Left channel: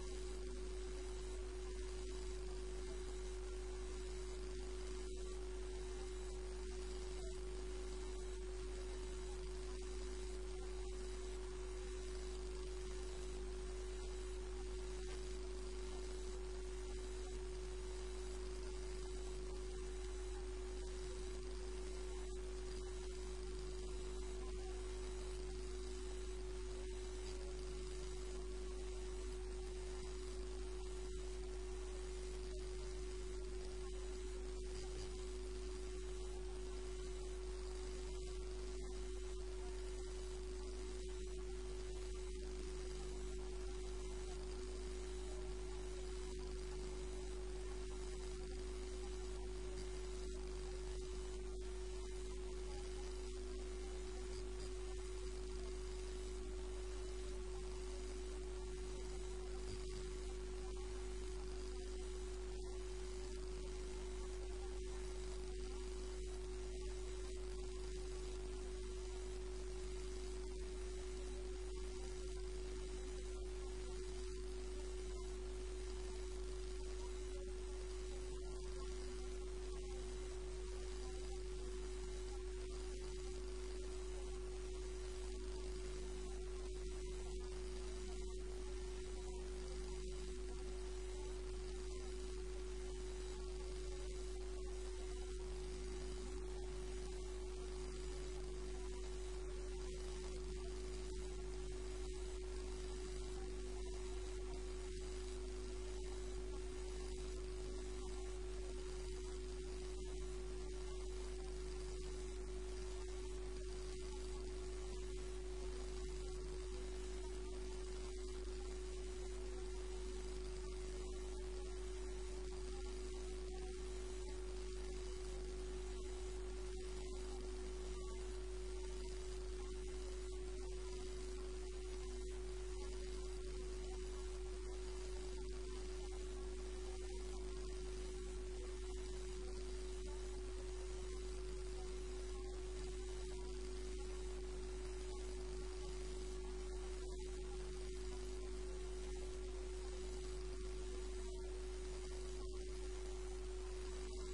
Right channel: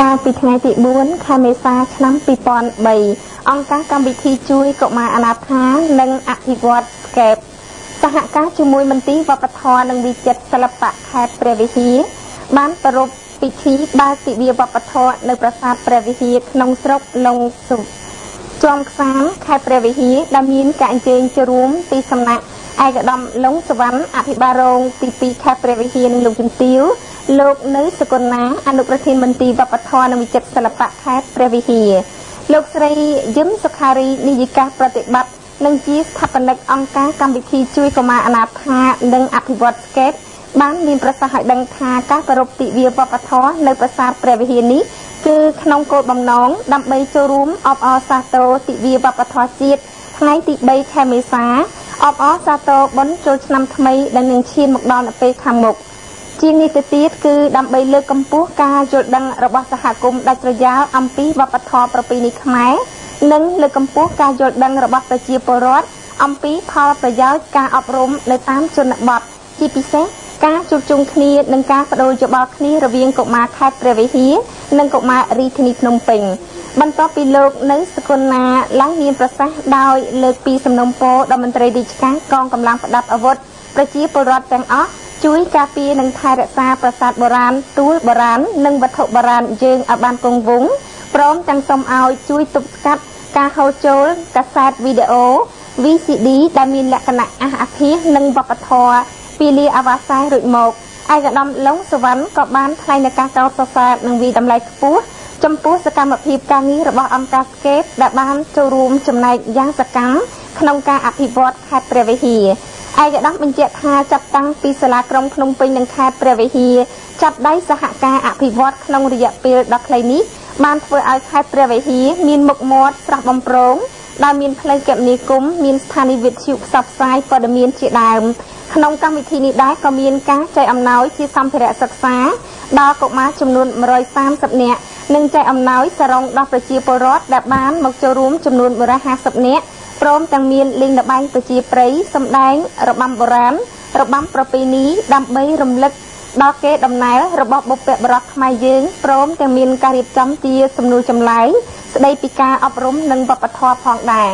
ការពីថ្ងៃទី4ខែមេសាឆ្នាំ2003អង្គការកម្មវិធីជួយកុមារអនាថានិងអភិវឌ្ឍកែបសហការជាមួយមន្ទីរវប្បធម៌និងវិចិត្រសិល្បៈខេត្តព្រះវិហារបានប្រារព្ធពិធីបើកទិវាវប្បធម៌នៅប្រាសាទព្រះវិហារក្នុងស្រុកឡុងស៊ុបជាំខ្សានខេត្តព្រះវិហារដែលមានការអញ្ជើញចូលរួមពីសំណាក់ឯកឧត្តមឡុងសវណ្ណអភិបាលរងទី2ខេត្តព្រះវិហារនិងលោកជំទាវលោកនៅសកុណាអនុប្រធានមន្ទីរវប្បធម៌និងវិចិត្រសិល្បៈខេត្តព្រះវិហារលោកស្រីយឹមសុខារីនាយិកាប្រតិបត្តិនិងជាស្ថាបនិកអង្គការកម្មវិធីជួយកុមារអនាថានិងអភិវឌ្ឍស្កេតបានមានប្រសាសន៍ឲ្យដឹងថាការប្រារព្ធទិវាវប្បធម៌នៅប្រាសាទព្រះវិហារនេះគឺក្នុងគោលបំណងដើម្បីចូលរួមអបអរសាទរទិវាវប្បធម៌ជាតិថ្ងៃទី3ខែមេសាអបអរសាទរបុណ្យចូលឆ្នាំថ្មីដែលនឹងឈានមកដល់នៅពេលខាងមុខជាងនេះទៅទៀតគឺដើម្បីលើកកម្ពស់ការយល់ដឹងរបស់សហគមន៍ដាច់ស្រយាលអំពីវប្បធម៌ប្រពៃណីខ្មែរនិងលើកកម្ពស់ការយល់ដឹងរបស់ប្រជាពលរដ្ឋអំពីផលប្រយោជន៍ការអប់រំនៅតាមជនបទជាពិសេសការជួបជុំគ្នានិងការបដូរយោបល់គ្នារវាងកុមារខេត្តព្រះវិហារនិងកុមាររាជធានីភ្នំពេញបន្ទាប់ពីលោកនៅសកុណាឡើងមានប្រសាសន៍ដោយលើកពីសំណុំពរដល់មន្ត្រីរាជការកងកម្លាំងប្រដាប់អាវុធប្រជាពលរដ្ឋទាំងអស់ជួយការពារនិងថែរក្សាប្រាសាទបុរាណទួលបុរាណនិងវត្ថុបុរាណយើងឲ្យបានគង់វង្សព្រមទាំងសូមឲ្យជួយទប់ស្កាត់ការហូរចូលកាសែតវីដេអូ VCD ដែលមានលក្ខណៈអភិរក្សនិងវប្បធម៌ពីលាអាវ៉ាសែរួចមកឯកឧត្តមឡុងសវណ្ណក៏បានថ្លែងនៅការកោតសរសើរនិងវិតម្លៃខ្ពស់ចំពោះសកម្មភាពការងាររបស់អង្គការស្កេតដែលបានចូលរួមចំណែកយ៉ាងសកម្មក្នុងការអភិវឌ្ឍខេត្តព្រះវិហារឯកឧត្តមបញ្ជាក់ថាចាប់តាំងពីសាលាក្រុងភ្នំពេញនិងខេត្តព្រះវិហារចាប់ដៃសហការអភិវឌ្ឍក្នុងរយៈពេលដ៏ខ្លីនេះបានធ្វើឲ្យខេត្តព្រះវិហារមានមុខមាត់ស្រស់បំព្រងដែលមានផ្លូវគមនាគមន៍មានស្ថានីយវិទ្យុផ្សព្វផ្សាយព័ត៌មានជាដើមក្នុងកម្មវិធីនេះដែរក៏មានការចែកអំណោយជាសម្ភារៈសិក្សាដល់កុមារចំនួន130នាក់និងចែកអំណោយសរុងដល់ប្រជាពលរដ្ឋដែលបានមកចូលរួមចំនួន150នាក់ព្រមទាំងមានលេងល្បែងប្រជាប្រិយសម្ដែងរបាំបុរាណរបាំប្រពៃណីដើម្បីរំលឹកដល់កេរដំណែលរបស់បុព្វបុរសខ្មែរយើងព្រមទាំងមានការរៀបចំជាសំណួរចម្លើយស្ដីពីការអប់រំនិងវប្បធម៌ផងដែរ